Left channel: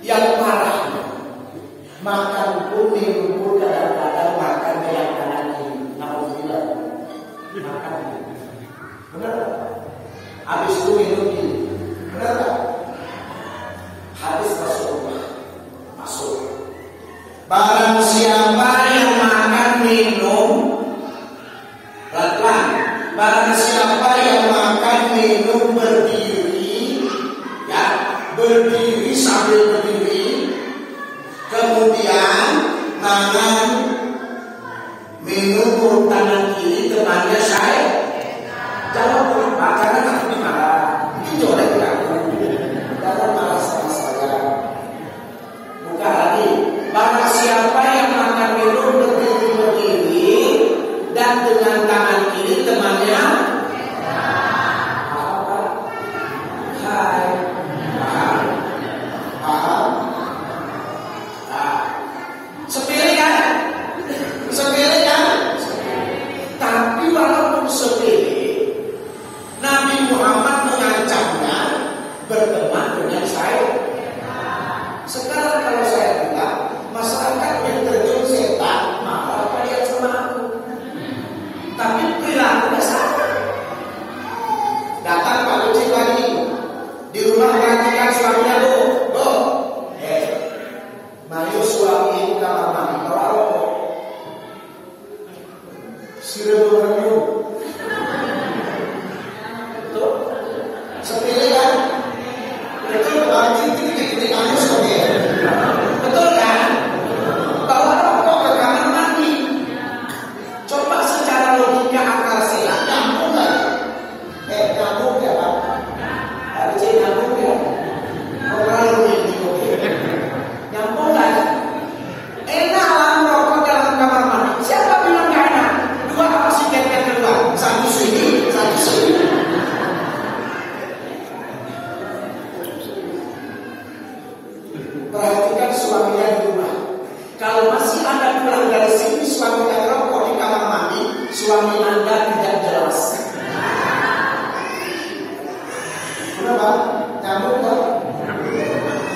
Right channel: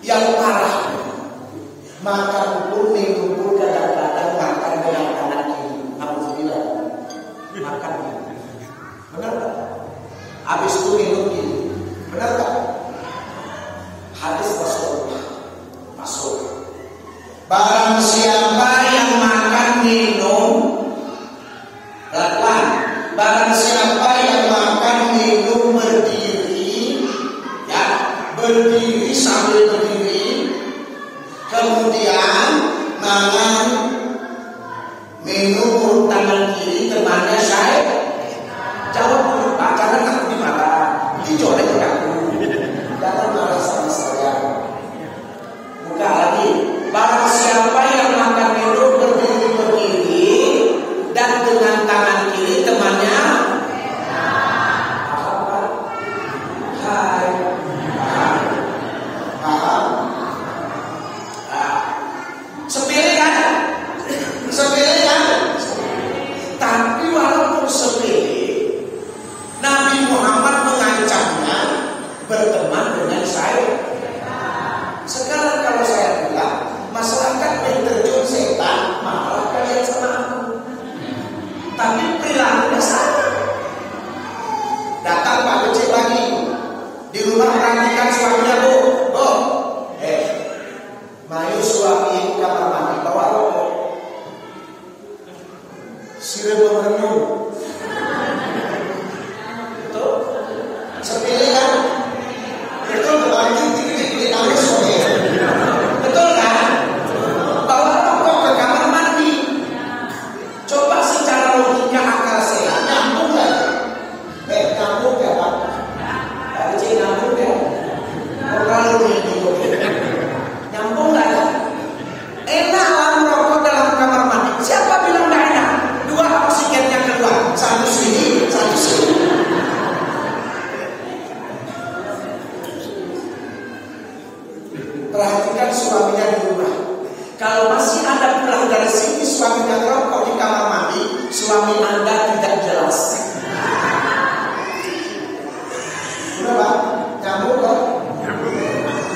Yang parah, makan pun minum pun kadang-kadang makan dengan tangan kiri. Alhamdulillah, makan. Benar tak? Habis itu minum kiri. Benar tak? Hadis Rasulullah masuk. Barang siapa yang makan minum, pelan-pelan. Barang siapa yang makan minum berdiri, ya, berdiri sambil berdiri, kemudian makan minum tangan kiri, temannya saya jawab apa? Karena takut dimarah. Itu oleh aku. Jangan marah sama saya. Buka lagi. Barang siapa yang makan minum berdiri dan dengan tangan kiri temannya apa? Hai. Sepele kan? Sepele kan? Tapi walaupun sepele, Nabi Muhammad mengancamnya berteman dengan saya. Sekarang kalau saya bilang masyarakat yang terjun setan, malah kalian sama aku. Tapi perilakunya sama. Datang Pak Kecil lagi di rumah perhatikan suaminya, bu, mayu suami kamar mandi bawa rokok. Sudah merenung. Betul? Sepele kan? Betul baju jadi nangis suami. Betul kan? Bawa rokok ke kamar mandi. Coba secara logika akal sehat nyambung kan? Nyambung ya Pak? Tadi cik nyambung ya? Kalau ini nyambung gak ya? Enak lah merokok dalam kamar mandi. Siapa bilang gak enak? Dua oksigennya keluar, satu sini, satu sini. Perhatikan suaminya di rumah. Kalau masih Anda pulang dari sini suaminya merokok di kamar mandi, suami Anda tidak jelas. Kenapa? Nyambung kok?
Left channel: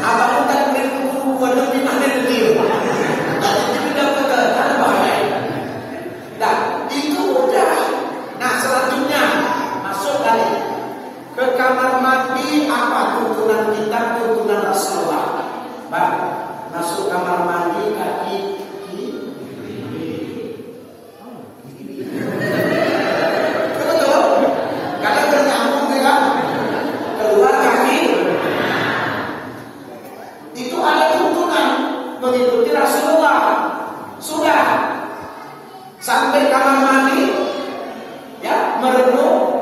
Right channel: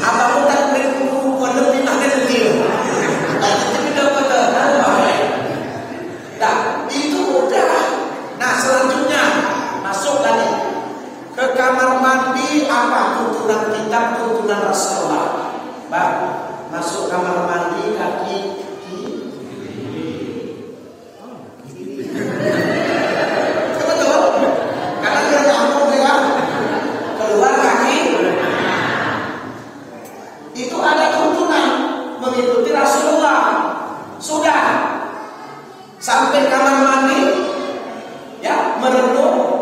Abang tak beriku wadah di mana detil. Dan itu tidak betul, baik. Nah, itu mudah. Nah, selanjutnya masuk tadi ke kamar mandi. Apa tuntunan kita, tuntunan Rasulullah? Pak, masuk kamar mandi kaki betul? Karena nyambung ya. Keluar kaki. Itu ada tuntunan mengikuti Rasulullah. Sudah sampai kamar mandi, ya, merenung,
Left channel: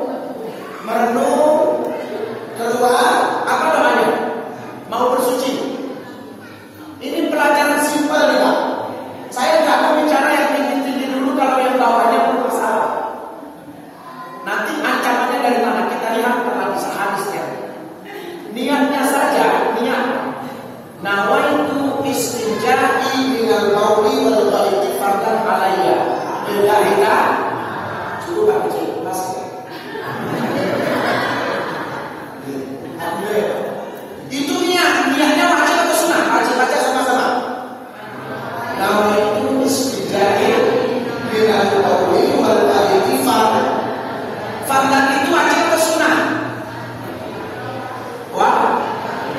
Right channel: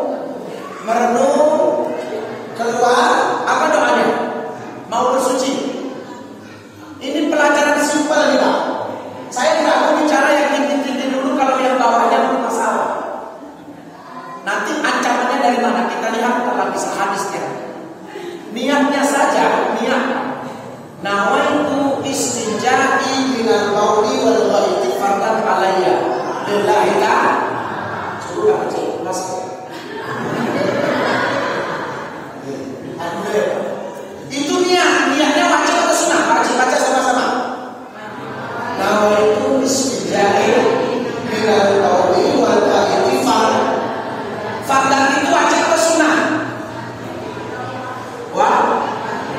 keluar, apa doanya? Mau bersuci. Ini pelajaran simpel nih Pak. Saya nggak mau bicara yang tinggi-tinggi dulu, kalau yang bawahnya bermasalah. Nanti ancamannya dari mana? Kita lihat dalam hadisnya. Niatnya saja, niat. Nawaitu istinja'i minal bauli wal ghaiti fardan alayya lillahi ta'ala. Cukup kecil, masuk. Itu niatnya wajib atau sunnah? Wajib, baca sama-sama. Nawaitu istinja'i minal bauli wal ghaiti fardan itu wajib atau sunnah?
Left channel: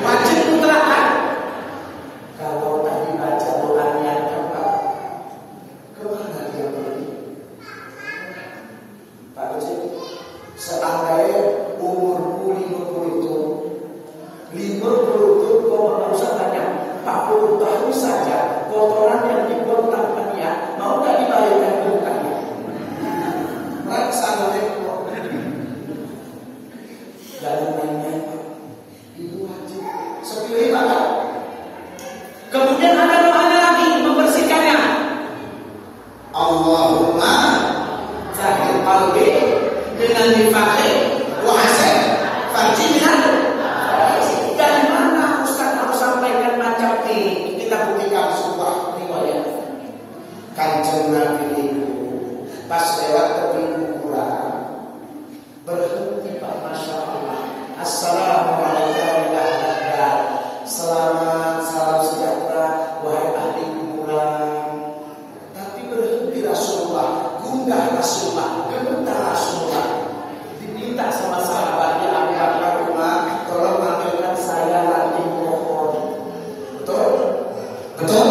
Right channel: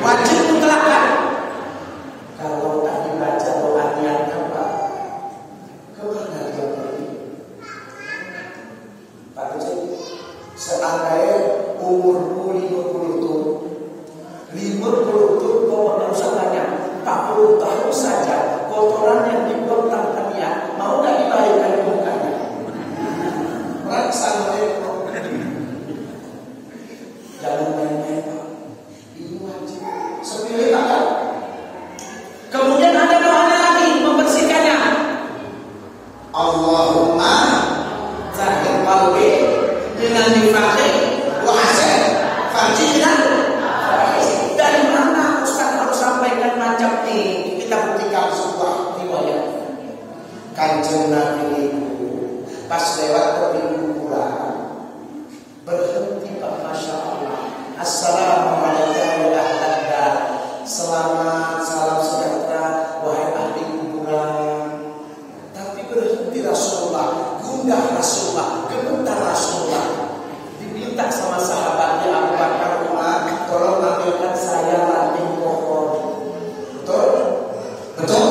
Wajib mutlak kan? Kalau tak dibaca doa niatnya Pak, kemana dia pergi? Pak Kecil, seandainya umurku 50 tahun, kau tak usah tanya, 40 tahun saja, kotoran yang dibuang tanpa niat, mau tak dibayarkan ke mukanya? Assalamualaikum. Jangan main-main Pak, ini wajib. Sepilih Pak kan? Kemudian ada doanya lagi, membersihkannya. Allahumma zahir qalbi dengan nifaqi wa hasan farji dengan. Dari mana Ustaz harus sampaikan macam ini? Kita buktikan sebuah riwayat. Kanjeng Nabi itu pas lewat ke pintu pulang, berhenti Pak minta sama sahabatnya Abu Bakar, Umar, tolong ambilkan saya ranting pohon. Betul? Betul?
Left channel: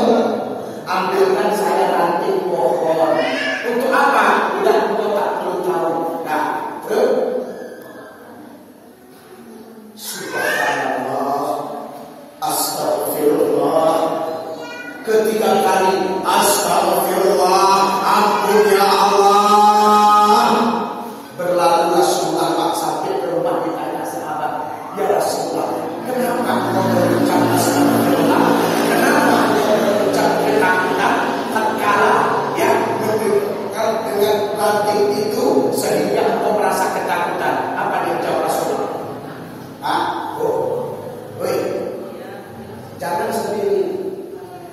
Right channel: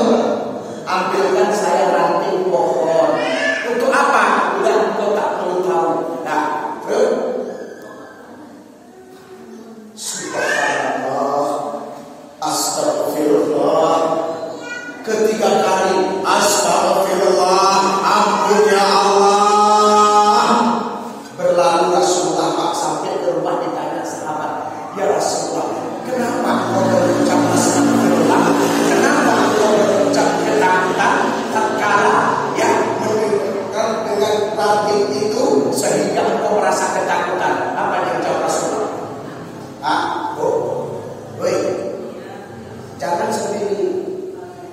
Ambilkan saya ranting pohon. Untuk apa? Udah engkau tak perlu tahu. Nah, subhanallah, astagfirullah. Ketiga kali astagfirullah, ampun ya Allah. Berlalu Rasulullah Pak sampai ke rumah, ditanya sahabat, ya Rasulullah, kenapa kau berucap astagfirullah? Kenapa kau berucap ketakutan tatkala yang menunjukkan dengan ranting itu sehingga kau merasa ketakutan? Apa yang jawab Rasulullah? Jangan sendiri.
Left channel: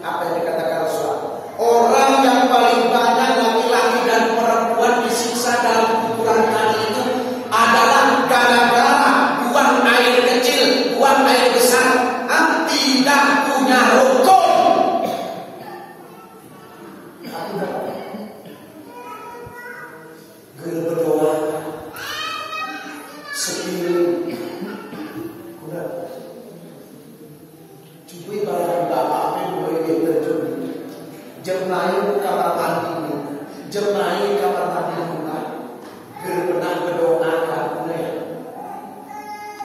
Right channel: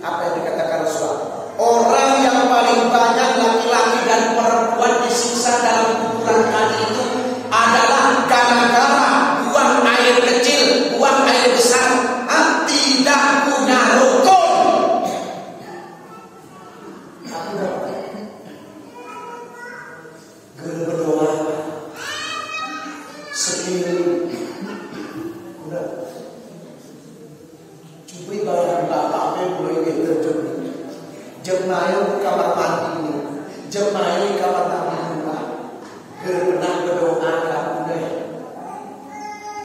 Apa yang dikatakan Rasulullah? Orang yang paling banyak laki-laki dan perempuan disiksa dalam ukuran kali itu adalah gara-gara buang air kecil, buang air besar, tidak punya rukun. Aku dapat guru berdoa sendiri. Udah, coba bayang bapaknya mulai terjun. Jemaah kamar mandi, jemaah kamar mandi rumah.